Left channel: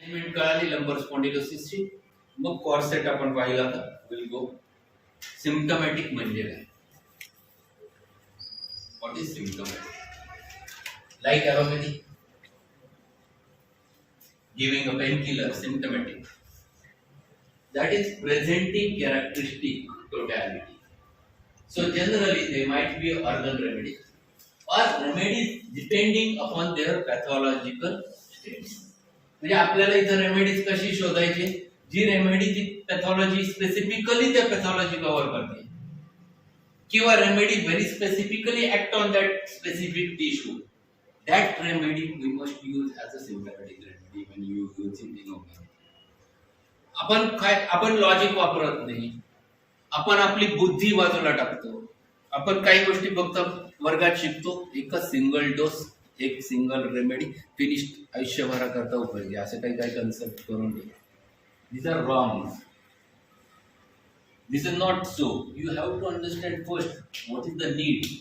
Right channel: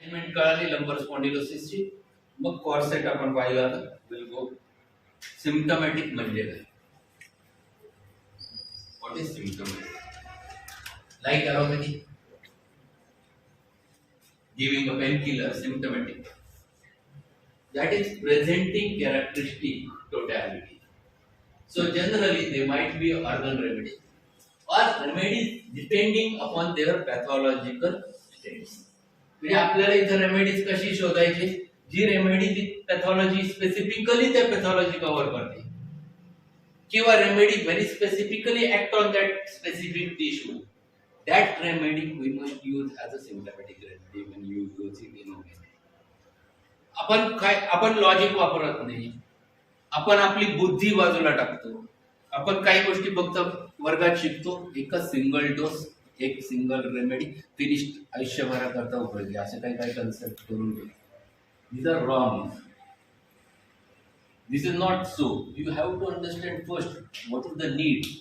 Treatment कळाली लंबर स्पॉन्डिलोसिसची. मग कॉर्सेट आपण पाहिला तर विल गो. सिम्पटमॅटिक म्हणजे काय? What is symptomatic? Like allopathy, giving a painkiller, symptomatic. That is presenting characteristic totality. So generally they might be organ remedies or remedies depending upon their pathological states. म्हणजे आपल्याला इथं remedies कशी शोधायची? जी remedy जी pathology specifically त्या pathology cover करते, किंवा remedy very specifically act on that specific tissue. That remedy we must use as a symptomatic remedy when you use it in homeopathy. आपण logic वापरत नाही, आपण आपली बुद्धी बाजूला टाकतो. आपण काही गोष्टी फक्त वर्गात शिकतो, एकच सिंगल डोस, एक सिंगल रेमेडी, फिनिश्ड, आयुष्यभराकरता उपयोगी, असे काही काही कन्सेप्ट करून घेतो. These are wrong. This is not so. You have to understand first what is the need.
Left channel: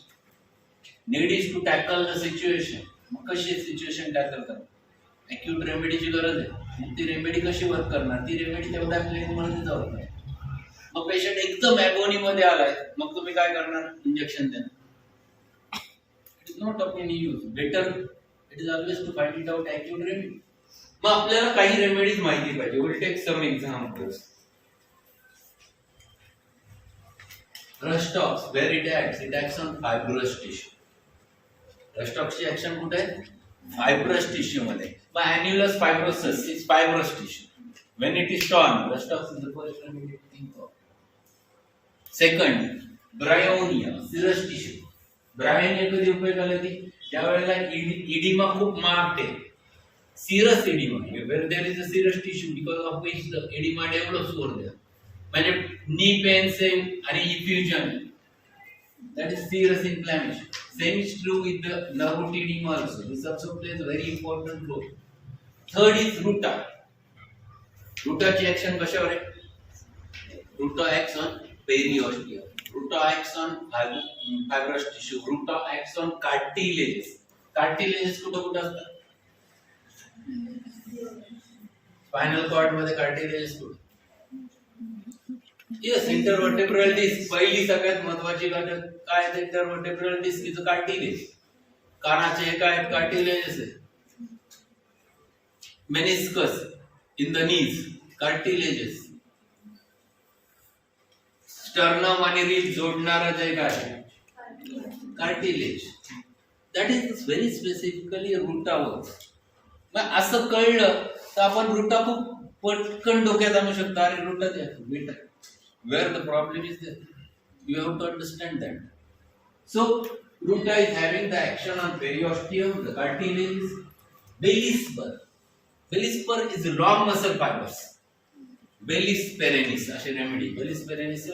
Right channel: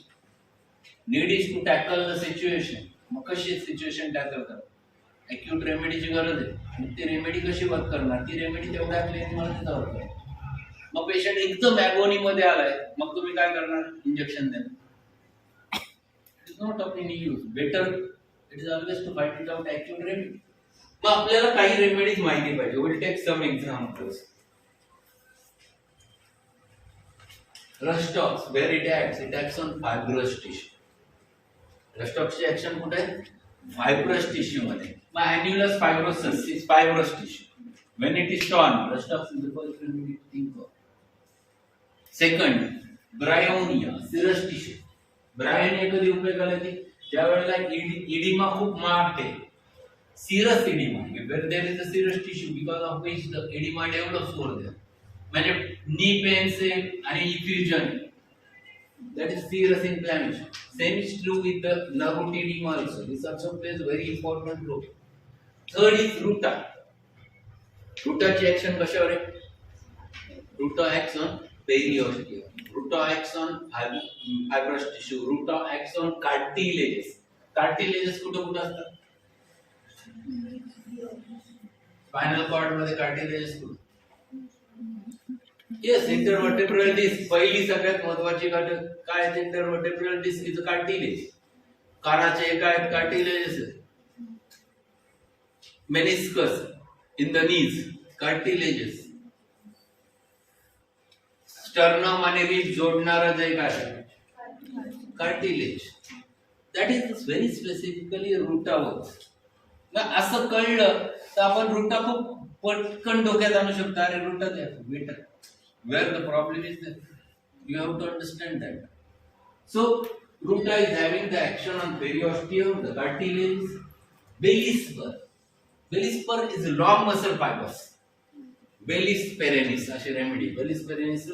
Need is to tackle the situation. मग कशी सिच्युएशन टॅकल करणार? अॅक्यूट रेमेडीची गरज आहे, मग ती रेमेडी कशी वर्क करणार? ती रेमेडी तेवढ्या क्लिनिकमध्ये तिथं वर्क करणार. मग पेशंट एकदम ॲगोनी मध्ये आलाय, मग तुम्ही काय करणार? इंजेक्शन देणार. It is not of any use. Better it is always to find it out acute remedy. मग आपल्याला काही रेमेडीज माहिती पाहिजे. Will take some examples. Rhus tox, where it acts on fibrous tissue. रस्टॉक्सची ऍक्शन कुठे आहे? फायब्रस टिश्यू मध्ये. मग annulus fibrosus is fibrous tissue. When it is torn, Rhus tox is the first remedy to think of. Second, Bryonia, serous tissue. Bryonia कधी उपयोगाला येते? ज्या वेळेला इडिमा खूप मार्क्ड आहे, serous oedema, where there is a serous tissue because of which the oedema develops over there. म्हणजे knee pen आणि इफ्युजन, that is serous inflammation. Same is true with the nervotedema also. This also plays a very important role. Third is ruta. Ruta ची action कशावर आहे? Ruta acts on periosteum. Ruta acts on fibrous tissue. Ruta acts on cartilages. Cartilages कुठे असतात? Spinal cord मध्ये cartilages कुठे? Yes, intervertebral disc. पहिली सगळ्यात महत्वाची घटक काय आहे? Intervertebral disc is cartilage. कानाचे काय आहेत? कार्टिलेजेस आहे. Meniscus in the knees, cartilages. Sternum आणि रिब जोडणारा जे काय आहे? Cartilage. That is very specifically रूटावर. मग असं कळलं तर आपण रूटा खूप पटकन डोक्यात आणू शकतो. अरे रूटा द्या better. Where the problem is there, you have to understand that. So ruta is having the action on periosteum, the cartilage. Belly spur. Belly spur is long muscle fibers. Bellis perennis अशी remedy. बेलिस पेरेनिस.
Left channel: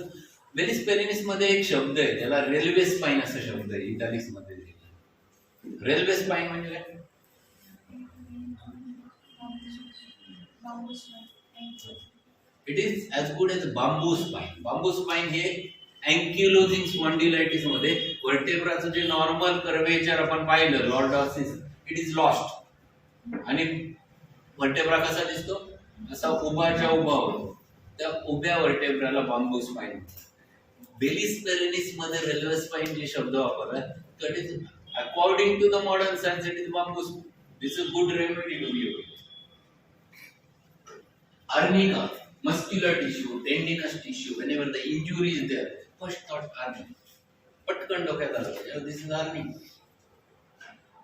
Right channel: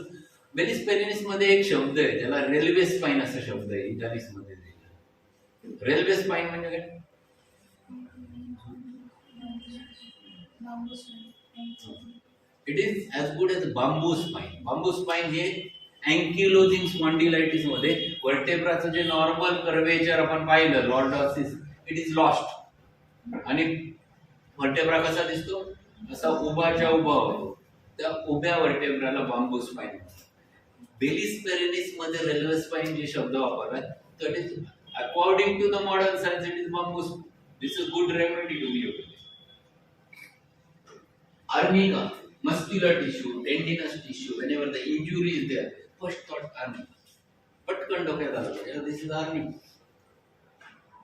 बेलिस पेरेनिस मध्ये एक शब्द आहे, त्याला railway spine असा शब्द आहे italics मध्ये. रेल्वे स्पाइन म्हणजे काय? It is as good as bamboo spine. Bamboo spine हे ankylosing spondylitis मध्ये वर्टेब्राचं जे नॉर्मल कर्वेचर आपण पाहिलं, लॉर्डॉसिस, इट इज लॉस्ट. आणि वर्टेब्रा कसा दिसतो? असा उभाच्या उभा होतो. त्या उभ्या वर्टेब्राला बांबू स्पाइन. बेलिस पेरेनिस मध्ये रेल्वे स्पाइन जे शब्द वापरलाय, that is according to the modern science it is bamboo. This is good remedy to be used. Arnica, muscular tissue, tendinous tissue, whenever the injury is there, first thought arnica. Patkan डोक्यात आलं, this is arnica.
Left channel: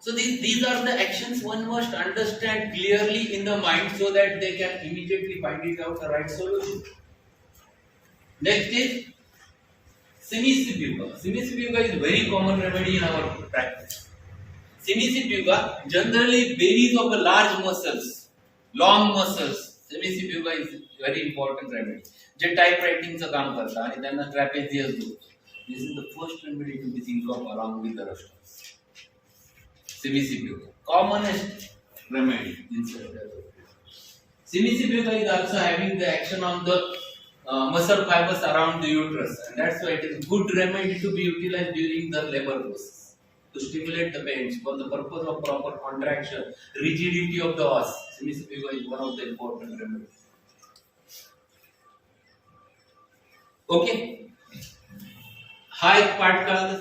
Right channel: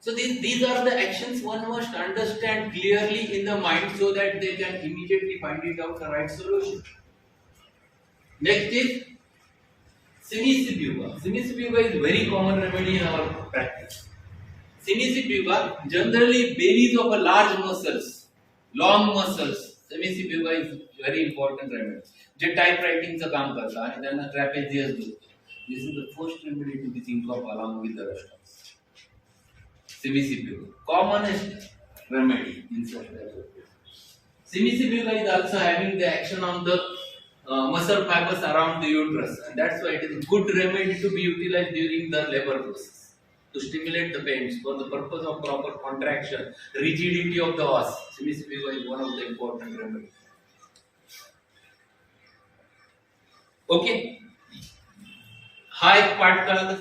So these are the actions one must understand clearly in the mind so that they can immediately find it out the right solution. Next is Simicibuga. Simicibuga is very common remedy in our practice. Simicibuga generally bellies of a large muscles, long muscles. Simicibuga is very important remedy. जे type रायटिंगचं काम करतात आणि त्यांना trapezius दुखतो. This is the first remedy to be think of along with the rest. Simicibuga, commonest remedy in such cases. Simicibuga is also having the action on the muscle fibers around the uterus, and that's why it is a good remedy to be utilized during the labor process. to stimulate the veins for the purpose of proper contraction, rigidity of the os. Semicircular is one of the important remedies. Okay. हा एक part कळाला.